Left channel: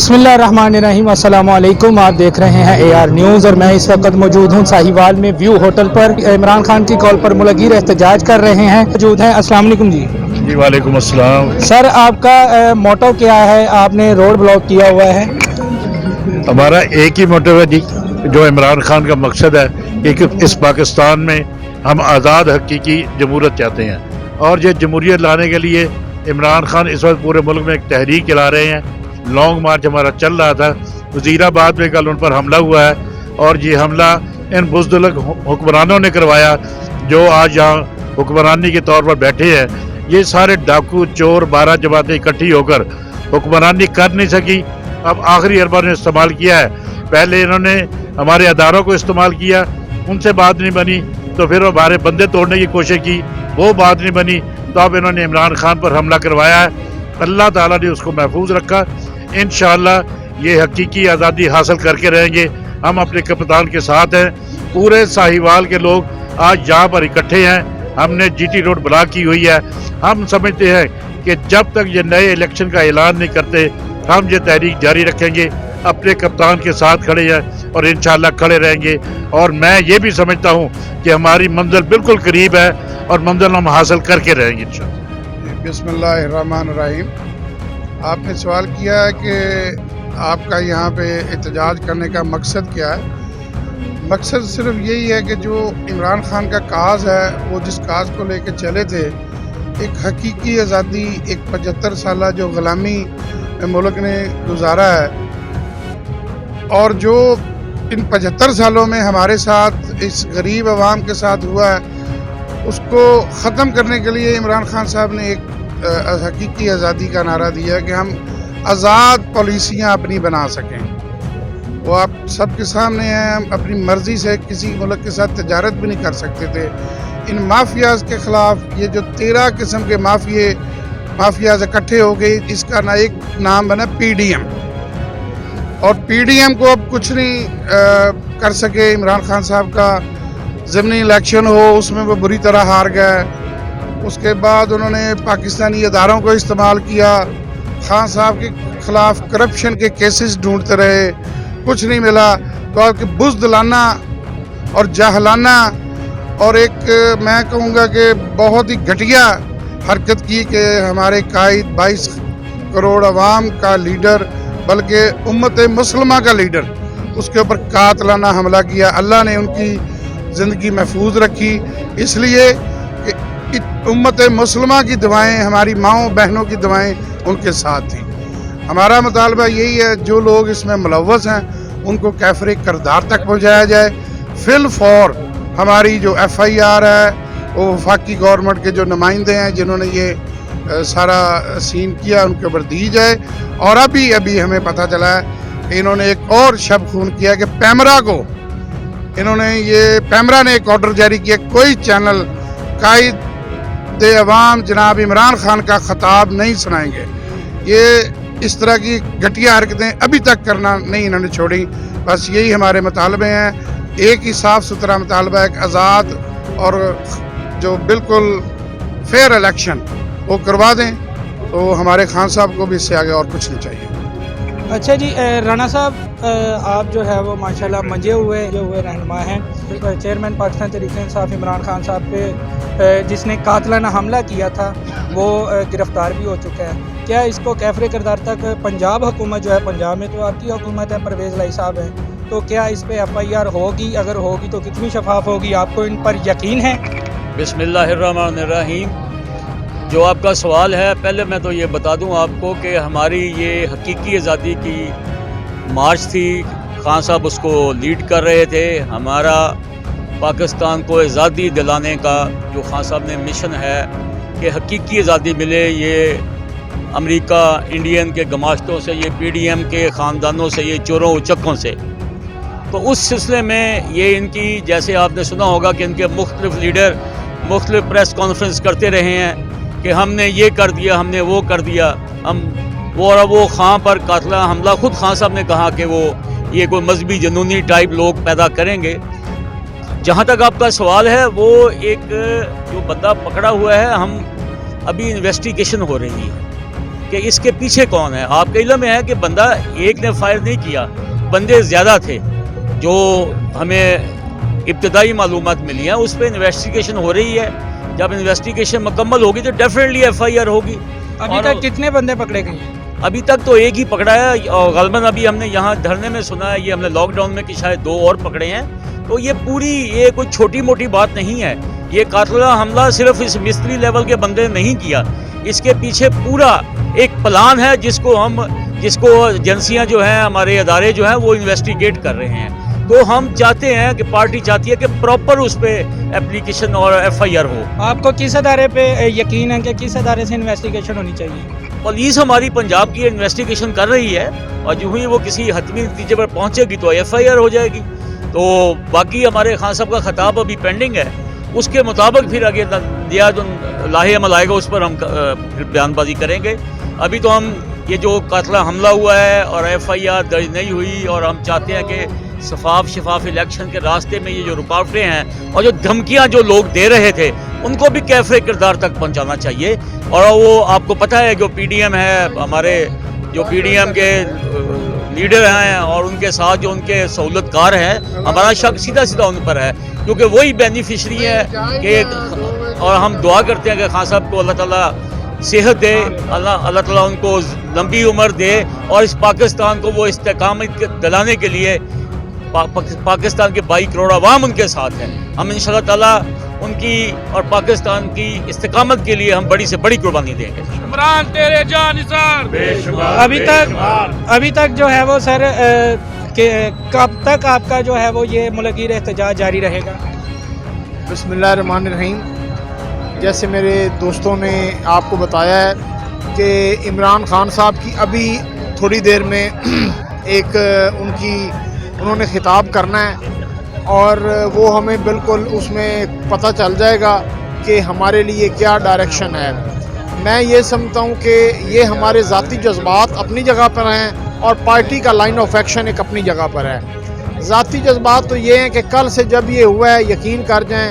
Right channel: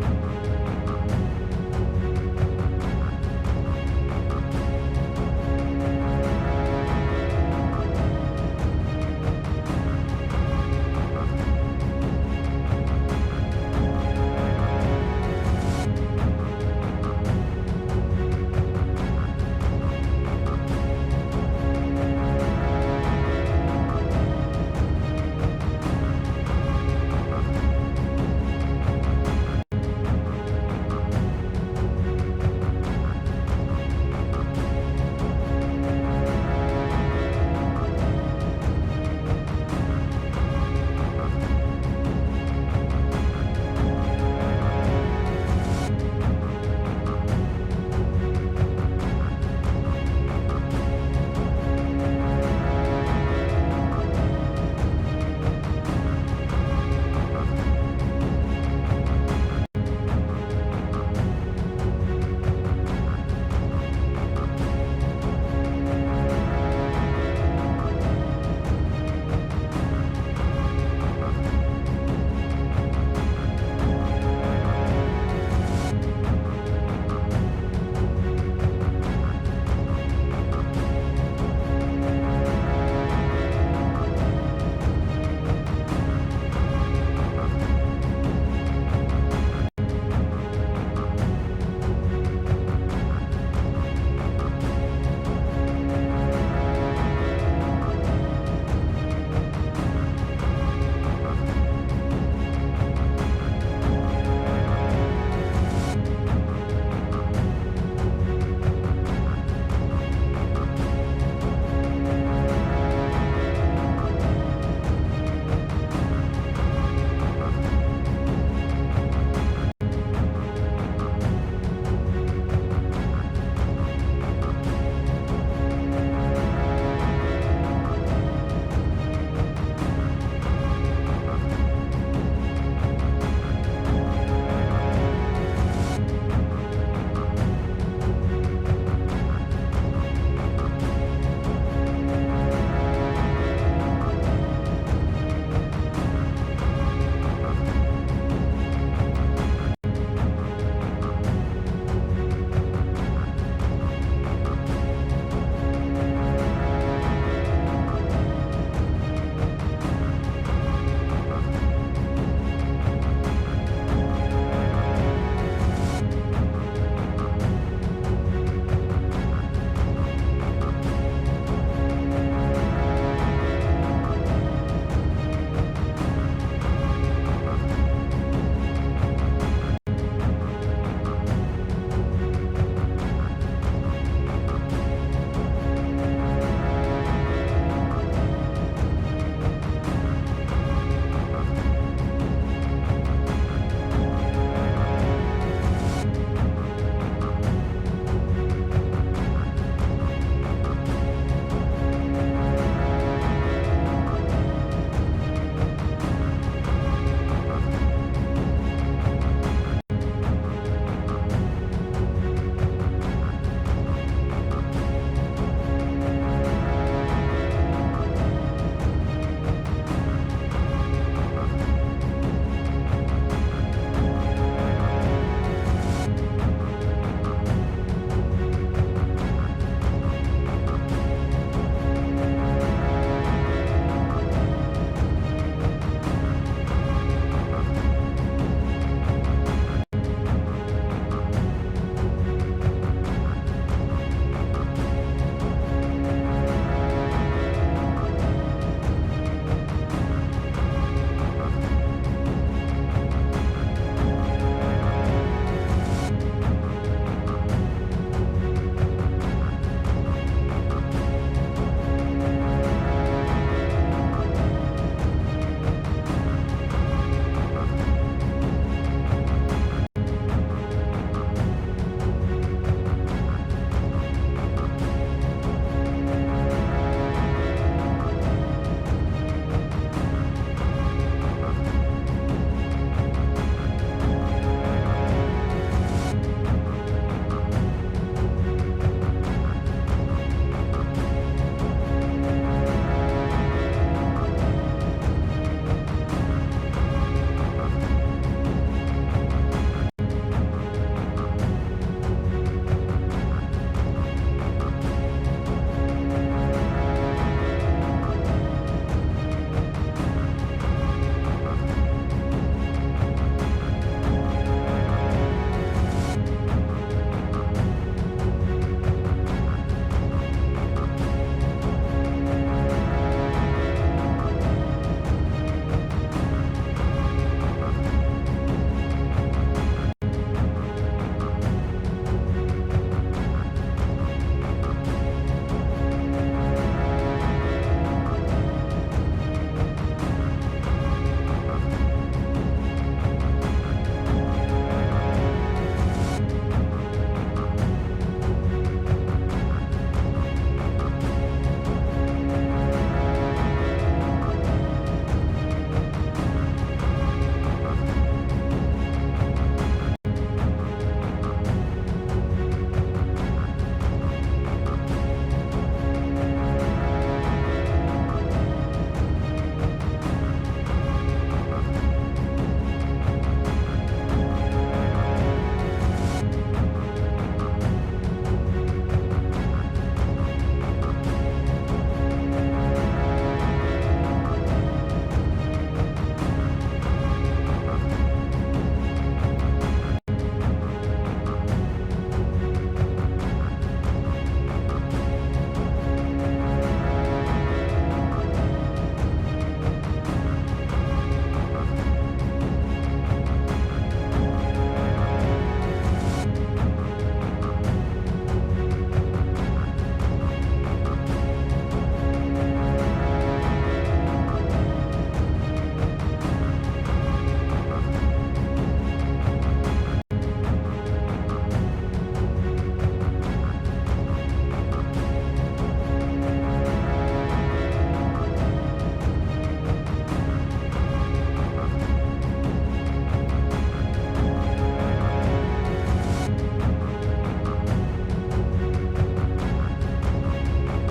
बिस्मिल्लाहिर्रहमानिर्रहीम, अस्सलामु अलैकुम। आप देख रहे हैं AR न्यूज़ और मैं इस वक्त मौजूद हूँ साहिवाल में व्यू होटल पर। इमरान खान की कॉल पर मुलगीर एहतजाज कर रहे हैं, मौजूद हैं। अस्सलाम वालेकुम जी। जी वालेकुम अस्सलाम। सर, आपका मोटो क्या है? आपने रोड ब्लॉक किया हुआ है। हमारा एक ही मोटिव है जी, जो इमरान खान का मकसद है कि इस पाकिस्तान में हम आज़ाद हकीकी जमहूरियत चाहते हैं, और ये जमहूरियत लाने के लिए इमरान खान इस वक्त पूरे मुल्क में एक तहरीक चला रहे हैं। लॉन्ग मार्च हमारा चल रहा था, वज़ीराबाद में कल उन पर हमला हुआ है, और ये हमला इन बुज़दिल हुक्मरानों ने करवाया जो आज यहाँ हुक्मरानी के तौर पर बैठे हैं। ये सारे डाकू चोर 12 जमातें इकट्ठी होकर हुक्मरानी कर नहीं सकी। अब आखिरी अरबा ने इस्तेमाल किया है। पहले इन्होंने हमारे अदारों को इस्तेमाल किया, उनसे बात नहीं बनी, तो फिर हमारे बंदे तोड़ने की कोशिश की, वो बात नहीं बनी, तो अब इन्होंने इमरान खान पर हमला करवाया है। अल्लाह ताला ने उसको महफूज रखा। इंशाअल्लाह ये हकीकी आज़ादी हासिल करके रहेंगे। हम अपने कप्तान के साथ हैं। पूरे साहिवाल के लोग आज यहाँ पर इकट्ठे हैं। हमने GT रोड ब्लॉक की हुई है। हम समझते हैं कि जब तक ये नए इलेक्शन का ऐलान नहीं करते, हम ये तहरीक जारी रखेंगे। अपने कप्तान के साथ खड़े हैं और इंशाअल्लाह खड़े रहेंगे। और मैं ये भी समझता हूँ कि हमारी मंजिल बिल्कुल करीब है और मंजिल हम हासिल करके रहेंगे इंशाअल्लाह। बिस्मिल्लाहिर्रहमानिर्रहीम। आपने सवाल किया है कि आपका यहाँ पे एहतजाज करने का मकसद क्या है। मकसद सिर्फ यही है कि जो इमरान खान का काज है, वो जिस काज को लेकर चले थे, एक हकीकी आज़ादी, एक 75 साल जो ग़ुलामी मुल्क ने गुजारा है, और जो इन 75 सालों में हमारे साथ इस गरीब आवाम के साथ हुआ है, उसको ख़त्म करने के लिए इमरान खान साहब ने एक हकीकी आज़ादी का नारा दिया कि हम आज़ाद पॉलिसियाँ अपनी बना सकें। वो आप सबके सामने हैं। हम अपनी मर्ज़ी से किसी मुल्क के साथ तजारत भी नहीं कर सकते थे। इन माफियाज़ के ख़िलाफ़ ये जो 13 किस्म के माफियाज़ इकट्ठे हो गए, इसका ना एक नाम बना PDM, और PDM को अब कुछ नहीं कर सके। इमरान खान साहब का ज़मीनी इलेक्शन हो, उसमें वो बुरी तरह हार गए। उसके बाद उन्होंने पाकिस्तानी अदारों को इस्तेमाल किया। खान साहब के ख़िलाफ़ करप्शन के केसेस ढूंढते रहे, कुछ नहीं मिला। तो आपके बुज़दिलाना और जाहलाना और एक मैं कहूँगा कि बहुत ही घटिया हरकत की कि हमारे कायद 22 करोड़ अवाम का लीडर, बल्कि उम्मत मुसलमा का लीडर, उसके ऊपर कातलाना हमला किया। अल्लाह ने उनकी ज़िंदगी महफूज रखी, इसलिए कि उम्मत मुसलमा की दुआएं, हमारी माँओं बहनों की दुआएं उनके साथ थी। हमारा मुतालबा यही है, जो लोग इसमें मुलव्वस हैं उनको कैफरे किरदार तक पहुँचाया जाए। फिल फॉर हमारी जो FIR है, वो वफाकी गवर्नमेंट के जो नुमाइंदे हैं जिन्होंने ये सारा सीन किया, उनके ऊपर दी जाए। और अभी हमें पता चला है कि इन्होंने एक और शब खून किया कि पैमरा ने एक ऑर्डर जारी किया, कोई चैनल कायद अवाम जनाब इमरान खान का खिताब नहीं सुनाएंगे। ये इस तरह की घटिया हरकतें अभी तक करना नहीं इन्होंने छोड़ी। बस यही हमारे मुतालबे हैं। एक ही साफ़ सुथरा मुतालबा, एक आज़ाद और जो बिल्कुल फेयर इलेक्शन वो करवा दें, तो हमारे खान साहब को भी इससे आगे और कुछ नहीं चाहिए। अच्छा जी, राना साहब, आप जो है वो माशाल्लाह मंजे हुए रहनुमा हैं। चेयरमैन पाकिस्तान तहरीक-ए-इंसाफ इमरान खान साहब पे जिसने कातलाना हमला किया था, वो गिरफ़्तार भी हो चुका है। क्या इसको कैफरे किरदार तक पंजाब हुकूमत जो है, पंजाब में तो आपकी हुकूमत है, परवेज़ लाई साहब हैं, तो क्या इस पर FIR होगी? अगर होगी तो कितनी शफाफ होगी? आपको इन पर यकीन है? बिस्मिल्लाहिर्रहमानिर्रहीम। जो आपका सवाल है, पहले मैं तो ये बता दूं आपको कि हमारी ये हकीकी आज़ादी की मार्च थी। खान साहब उसको लीड कर रहे थे। हमारा पाकिस्तान को आज़ादी दिलाने का जो खान साहब ने मिशन है कि हकीकी आज़ादी मिले, ये अमेरिका इंडियन के गमाश्तों से, ये PDM के ख़ानदानों से, ये चोरों उचक्कों से। तो उस सिलसिले में ये इनकी, जैसे आपने सुना होगा कि इनके मुख्तलिफ लीडर मुख्तलिफ प्रेस कॉन्फ्रेंस करते रहे हैं कि हमने ये कर दिया, हमने वो कर दिया। वो खां पर कातला हमला खुद खान साहब ने कहा कि वो ये कोई मजहबी जनूनी टाइप लोग पैदा करेंगे। जहाँ तक आपका सवाल है, वो एक जो बंदा पकड़ा हुआ है, हम अभी इन्वेस्टिगेशन हो रही है کہ اس کے پیچھے کون ہے. آپ کے علم میں ہے کہ بندہ ایک نے فائر نہیں کیا, بندے زیادہ تھے. جو ہمیں ابتدائی معلومات ملی ہیں اس پہ انویسٹیگیشن ہو رہی ہے. جب انویسٹیگیشن مکمل ہوگی تو ڈیفینیٹلی FIR ہوگی. ابھی تک کتنے بندے پکڑے گئے؟ ابھی تک تو ایک ہی پکڑا ہے, اور غالباً ابھی ہم نے یہاں دھرنے میں سنا ہے, یہ ہم نے لاک ڈاؤن میں کہ شاید 2 اور پکڑے ہیں. تو یہ کوئی چھوٹی موٹی بات نہیں ہے. یہ قاتلانہ حملہ صرف اس مستری لیول کے بندے نے نہیں کیا, اس کے پیچھے پورا ایک پلان ہے جس کو ایجنسیاں جو ہیں, ہمارے ادارے جو ہیں وہ انویسٹیگیٹ کر رہے ہیں. تو ہم چاہتے ہیں کہ پارٹی چاہتی ہے کہ پراپر اس پہ اپلیکیشن اور FIR ہو. آپ کو کس ادارے پہ یقین ہے کہ کس ادارے سے انویسٹیگیشن ہونی چاہیے؟ پولیس ہماری پنجاب کی انویسٹیگیشن کر رہی ہے, اور جو ہی وہ کسی حتمی نتیجے پر پہنچے گی تو FIR ہو جائے گی. تو باقی ہمارے خان صاحب کا خطاب ابھی پینڈنگ ہے, اس کے مطابق پھر آگے دیا جو لاہے عمل آئے گا اس پر ہم بیان بازی کریں گے. ابھی تو ہم یہ جو قاتلانہ حملہ ہوا ہے اور FIR درج نہیں ہوئی, اور ہم چاہتے ہیں کہ شفاف الیکشن کے راستے میں یہ جو رکاوٹیں ہیں اور جو دھمکیاں جو لوگ دے رہے تھے ان کو بھی کیفر کردار تک پہنچانا چاہیے. اور وہ آپ کو پتہ ہے جو PDM ہے, ہمارے جو PDM کے لیڈر ہیں اور ان کے ساتھ جو ان کے سہولت کار ہیں, ہمارا شک سیدھا ان پر ہے, کیونکہ وہی بینیفیشری ہے کہ, اور ہم دعا کرتے ہیں کہ خان صاحب کو اللہ تعالیٰ صحت دے, اللہ تعالیٰ ان کو لمبی عمر دے, اور اس پاکستان کو وہ استحکامت دلانے کے لیے پاکستان کے 22 کروڑ عوام ان کے ساتھ ہیں. ہم انشاءاللہ تعالیٰ ان کی اور پاکستان کی استقامت کے لیے ہم بڑی سے بڑی قربانی دیں گے. عمران تیرے جان نثار. ابھی تک جو ہے وہ سر کب تک آپ کا جو ہے وہ یہ ملغیر احتجاج جاری رہے گا؟ بسم اللہ الرحمن الرحیم. جیسے میرے دوستوں نے آپ کو بتایا ہے کہ عمران خان صاحب کی ابھی تھوڑی دیر میں ایک انہوں نے خطاب کرنا ہے, اور وہ ہمیں بالکل اس میں پتہ چل جائے گا کہ ہمارے لیے کیا ڈائریکشن ہے. میں یہ سمجھتا ہوں کہ یہ ہمارے ذاتی جذبات اپنی جگہ پر ہیں, اور پارٹی کا لائن آف ایکشن ایک اپنی جگہ پر ہے. ذاتی جذبات تو یہ ہیں کہ کل سے جب یہ ہوا ہے, یقین کر جائیں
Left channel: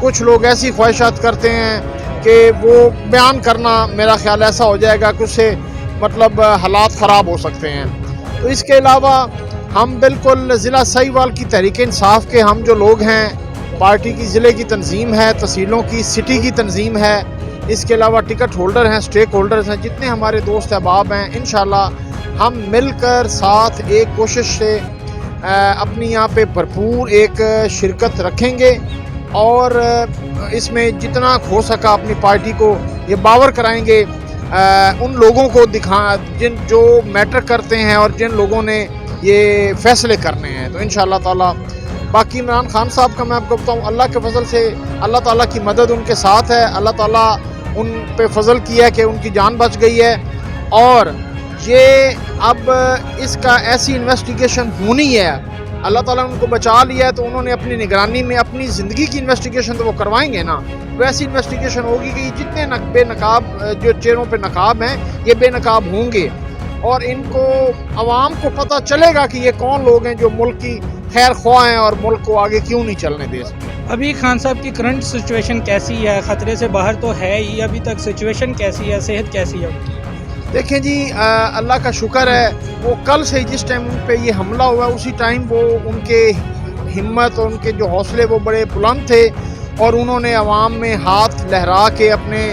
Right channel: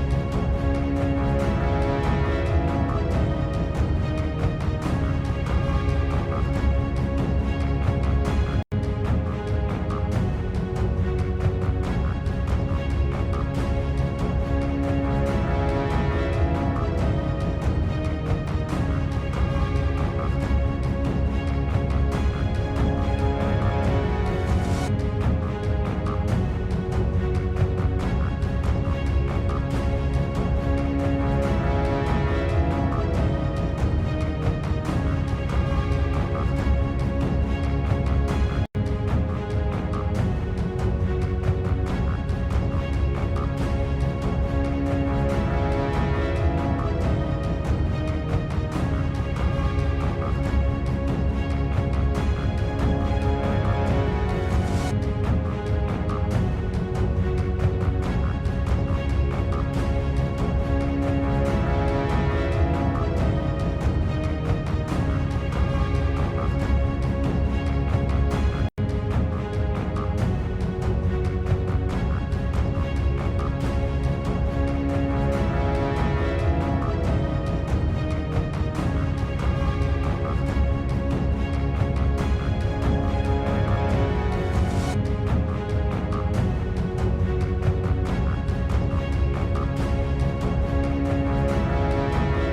کچھ لوگ ایسی خواہشات کرتے ہیں کہ وہ بیان کرنا میرا خیال ایسا ہو جائے گا کہ اس سے مطلب حالات خراب ہو سکتے ہیں. تو اس کے علاوہ ہم بالکل ضلع سہیوال کی تحریک انصاف کے ہم جو لوگ ہیں, پارٹی کی ضلع کی تنظیم ہے, تحصیلوں کی سٹی کی تنظیم ہے, اس کے علاوہ ٹکٹ ہولڈر ہیں, سٹیک ہولڈرز ہیں, جتنے ہمارے دوست احباب ہیں, انشاءاللہ ہم مل کر ساتھ ایک کوشش سے اپنی یہاں پہ بھرپور ایک شرکت رکھیں گے, اور اس میں جتنا ہو سکا اپنی پارٹی کو یہ باور کرائیں گے, ان لوگوں کو جو میٹر کرتے ہیں اور جن لوگوں نے یہ فیصلے کرنے ہیں. تو انشاءاللہ تعالیٰ باقی عمران خان صاحب کا میں آپ کو بتاؤں, اللہ کے فضل سے اللہ تعالیٰ کی مدد ان کے ساتھ ہے. اللہ تعالیٰ ان پہ فضل کیا ہے کہ ان کی جان بچ گئی ہے, اور یہ اب اس کا ایسی انویسٹیگیشن ہونی ہے. اللہ تعالیٰ نے ان کو بچا لیا ہے, تو انہوں نے اپنی نگرانی میں اپنی زندگی کی انویسٹیگیشن تو وہ کروائیں گے نا. ویسی انویسٹیگیشن ہوگی کہ جتنے بے نقاب جو چہروں پہ نقاب ہیں یہ بے نقاب ہوں گے, اور ان کو عوام کو پتہ چلے گا کہ یہ کون لوگ ہیں جو ملک کی خیر خواہ ہیں اور ملک کو آگے کیوں نہیں چلنے دے سکتے. ابھی خان صاحب کی کرنٹ سچویشن کیسی ہے؟ خطرے سے باہر تو ہے ہی, ابھی تک سچویشن کیسی ہے, صحت کیسی ہے؟ دیکھیں جی, اللہ کا شکر ہے, وہ کل سے جس ٹائم ان پہ یہ حملہ ہوا اسی ٹائم وہ ان کے ہمت اور ان کے جو حوصلے وہ بڑے بلند تھے, اور انہوں نے عوام میں ہاتھ لہرا کے اپنے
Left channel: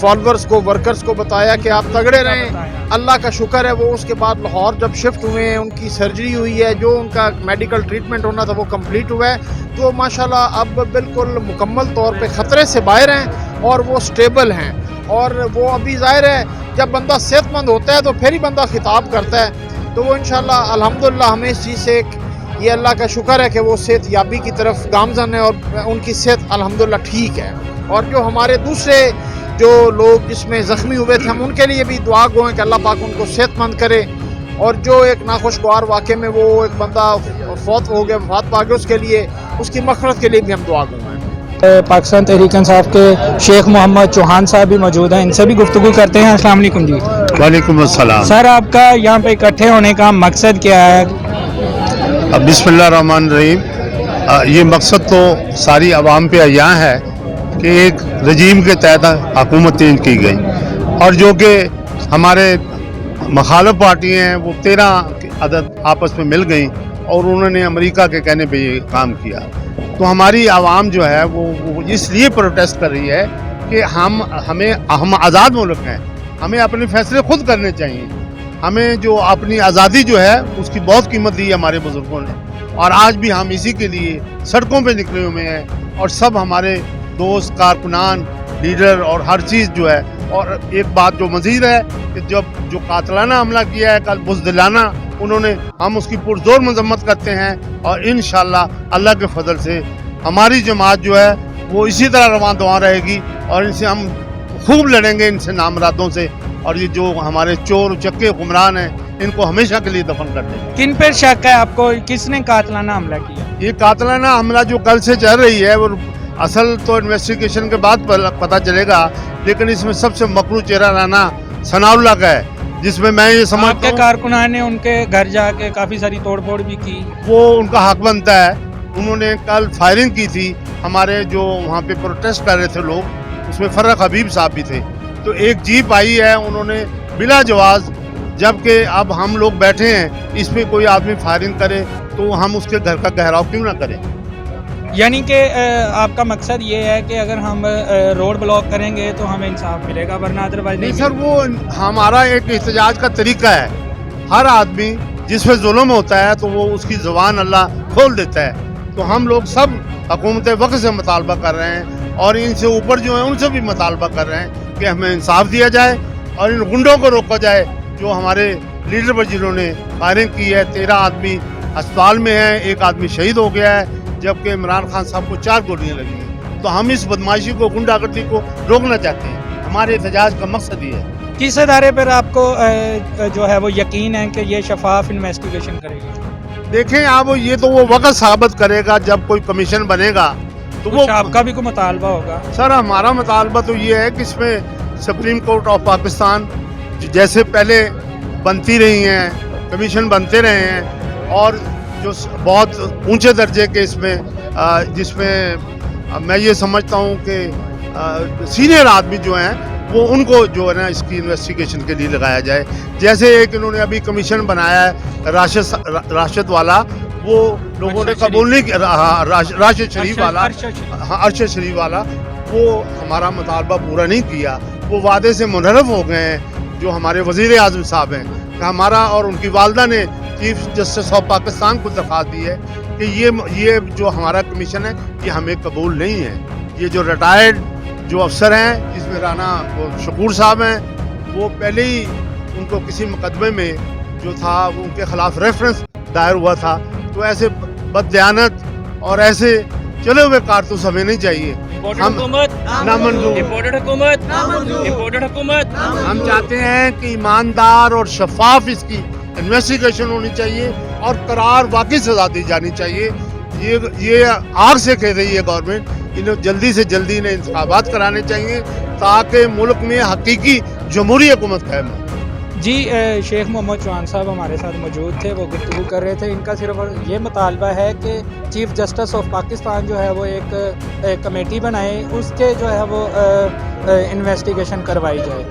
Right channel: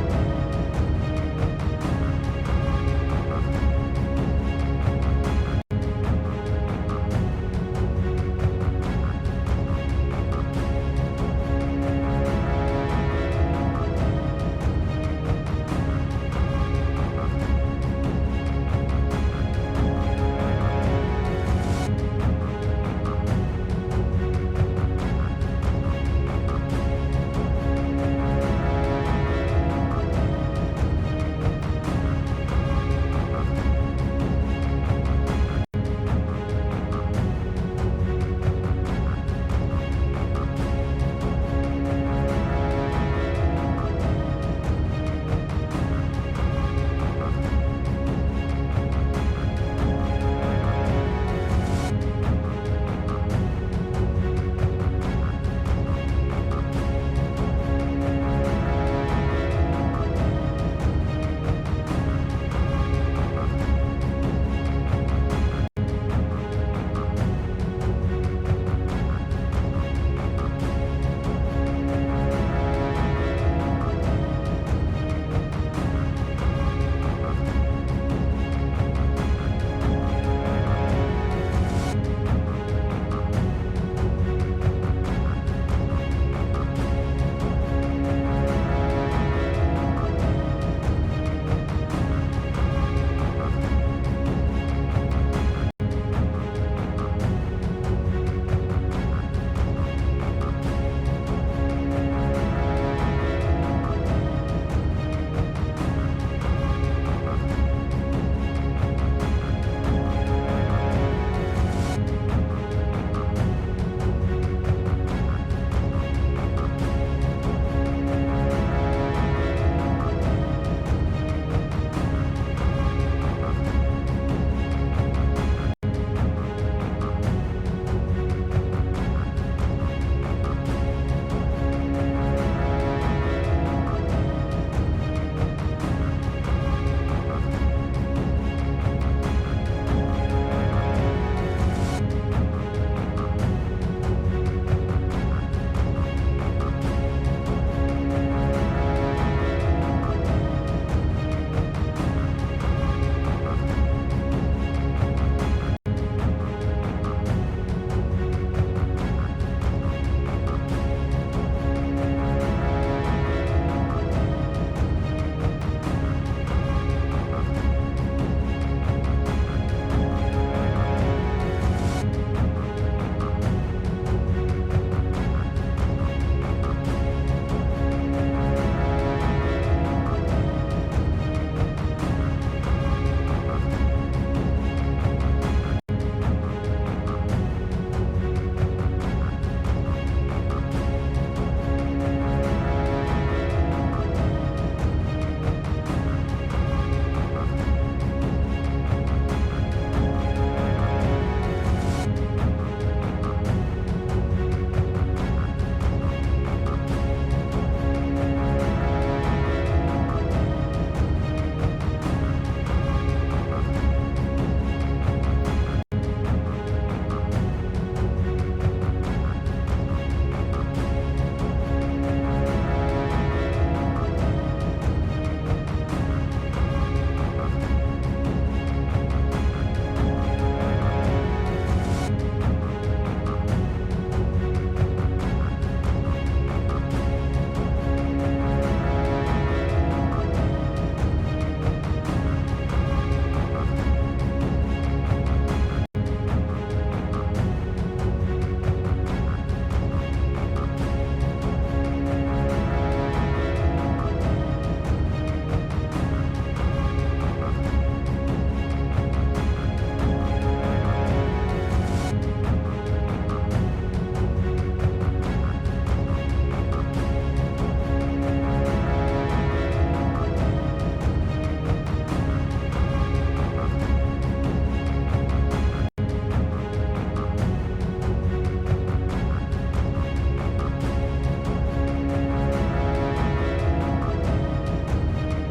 فالورز کو, ورکرز کو بتایا کہ آپ تگڑے رہیں. اللہ کا شکر ہے وہ اس کے بعد لاہور جب شفٹ ہوئے ہیں, ان کی سرجری ہوئی ہے, جو ان کا میڈیکل ٹریٹمنٹ ہونا تھا وہ کمپلیٹ ہوا ہے. تو ماشاءاللہ اب بالکل مکمل طور پہ خطرے سے باہر ہیں, اور وہ سٹیبل ہیں. اور وہ ابھی ظاہر ہے جب بندہ صحت مند ہوتا ہے تو پھر ہی بندہ خطاب کرتا ہے. تو وہ انشاءاللہ الحمدللہ ہمیں اس چیز سے یہ اللہ کا شکر ہے کہ وہ صحت یابی کی طرف گامزن ہے, اور ان کی صحت الحمدللہ ٹھیک ہے. اور جو ہمارے دوسرے جو لوگ جس میں زخمی ہوئے تھے, ہم ان کے لیے بھی دعا گو ہیں کہ اللہ پاک ان کو صحت مند کرے. اور جو ایک ناخوشگوار واقعے میں وہ ایک بندہ فوت ہو گیا, وفات پا گیا, اس کے لیے اس کی مغفرت کے لیے بھی ہم دعا گو ہیں. پاکستان تحریک انصاف کے شیخ محمد چوہان صاحب بھی موجود ہیں, ان سے بھی گفتگو کرتے ہیں. السلام علیکم جی. وعلیکم السلام. سر, آپ کا یہاں پہ اکٹھے ہونے کا مقصد کیا ہے؟ بسم اللہ الرحمن الرحیم. یہ مقصد تو ساری عوام پہ عیاں ہے کہ ایک رجیم کے تحت حکومت چینج کی گئی, اور جو کہ हमारे मुखालिफ पार्टी हैं वो 13 अदद आपस में मिल गई और उन्होंने अमेरिका के कहने पे ये काम किया। तो हमारी आवाम जो है वो इसलिए प्रोटेस्ट कर रही है कि हम आज़ाद मुल्क हैं, हमें अपने फैसले खुद करने चाहिए। हमें जो अपनी आज़ादी जो है उसकी बहुत कीमत दी है हमारे बुजुर्गों ने, और आज भी हम इसी के लिए सड़कों पे निकले हुए हैं। और सब हमारे दोस्त, कारकुनान, लीडर और हर चीज़ जो है। और एक बात जो मज़ीद है कि जब जो कातलाना हमला किया है कल बुज़दिलाना उन्होंने, हम उसकी पुरजोर मजम्मत करते हैं। और इंशाअल्लाह अल्लाह के फजल से हमारी जमात जो है वो इसी तरह रवां दवा रहेगी और इनसे हम खूब लड़ेंगे, इनसे नामरादों से। और ये जो हमारे चोर उचक्के हुक्मरान हैं इनको हमेशा के लिए दफन कर दें। किन पर शक है आपको, किसने कातलाना हमला किया? ये कातलाना हमला जो कल से चल रही है वो असल तो इन्वेस्टिगेशन के बाद पता चलेगा, लेकिन इसमें सबसे मकरू चेहरा राना सनाउल्लाह का है, जिसमें मैं ये समझता आपके हूँ कारकुनान ने उनके घर जाके काफ़ी सारी तोड़फोड़ भी की। वो उनका हक बनता है। उन्होंने कल फायरिंग की थी, हमारे जो वहाँ पे प्रोटेस्ट कर रहे थे लोग, उसमें फर्रख हबीब साहब भी थे। तो एक जीप आई है, उन्होंने बिला जवाज, जबकि अब हम लोग बैठे हैं, इस पे कोई आदमी फायरिंग करे तो हम उसके घर का घेराव क्यों ना करें। यानी कि आपका मकसद ये है कि अगर हम रोड ब्लॉक करेंगे तो हमें इंसाफ मिलेगा, वरना अदरवाइज नहीं सर, वो हमारा एक एहतजाज का तरीका है। हर आदमी जिस पे जुल्म होता है तो वो उसकी ज़ुबान अल्लाह खोल देता है। तो हम लोग सब हुकूमत वक्त से मुतालबा कर रहे हैं और इनसे ऊपर जो है उनसे भी मुतालबा कर रहे हैं कि हमें इंसाफ दिया जाए और इन गुंडों को रोका जाए जो हमारे लीडर पर जिन्होंने फायरिंग की है। 13 आदमी अस्पताल में हैं, एक आदमी शहीद हो गया है, जबकि इमरान खान साहब को 4 गोलियां लगी हैं। तो हम इस बदमाशी को, गुंडागर्दी को रोकना चाहते हैं। हमारे एहतजाज का मकसद ये है। किस अदारे पर आपको जो है वो यकीन है कि ये शफाफ इन्वेस्टिगेशन करेगी? देखें आप, ये तो वो वक्त साबित करेगा जब कोई कमीशन बनेगा तो वो आपका भी कोई मुतालबा होगा? सर हमारा मुतालबा तो ये है कि इसमें सुप्रीम कोर्ट ऑफ पाकिस्तान जैसे पहले बनती रही हैं, कमीशन बनते रहे हैं, और जो बहुत ऊंचे दर्जे के इसमें जिसमें मैं ये समझता हूँ कि सीनियर आदमी जो हैं वो उनको जो है ना इसकी इन्वेस्टिगेशन के लिए लगाया जाए। जैसे एक इन्होंने अभी कमीशन बनाया है राशिद वाला, वो लोगों ने कबूल नहीं किया, राशिद शरीफ वाला, अरशद शरीफ वाला, वो हमारा मुतालबा पूरा नहीं किया। वो वादे से मुनहरफ हो गए हैं। जो हमारे वज़ीर आज़म साहब हैं, हमारा और उनकी वालदा ने चीफ जस्टिस ऑफ पाकिस्तान को दरख्वास्त दी है कि ये जो हमारा कमीशन है ये हमें कबूल नहीं है। ये जो रिटायर्ड जो अफसर हैं, जिसमें राना शकूर साहब हैं, वो पहले ही उनको किसी मुकदमे में जो था वो उनके खिलाफ रेफरेंस दायर हुआ था। तो ऐसे बददियानत और ऐसे चले हुए कारतूस हमें नहीं चाहिए। हम चाहते हैं कि ईमानदार और शफाफ इसकी इन्वेस्टिगेशन होनी चाहिए और करार वाकई सजा दी जानी चाहिए। ये आग से कह रही है गवर्नमेंट, इन्हें जल्दी से जल्दी इन्हें इंतखाबात कराने चाहिए ताकि मुल्क में हकीकी जमहूरी हुकूमत कायम हो। जी, शेख मोहम्मद चौहान साहब हमारे साथ मौजूद थे, वो गुफ्तगू कर रहे थे। इनका सिर्फ ये मुतालबा है कि चीफ जस्टिस ऑफ पाकिस्तान जो है वो एक कमेटी बनाए, उसके जो है वो इन्वेस्टिगेशन करवाई जाए।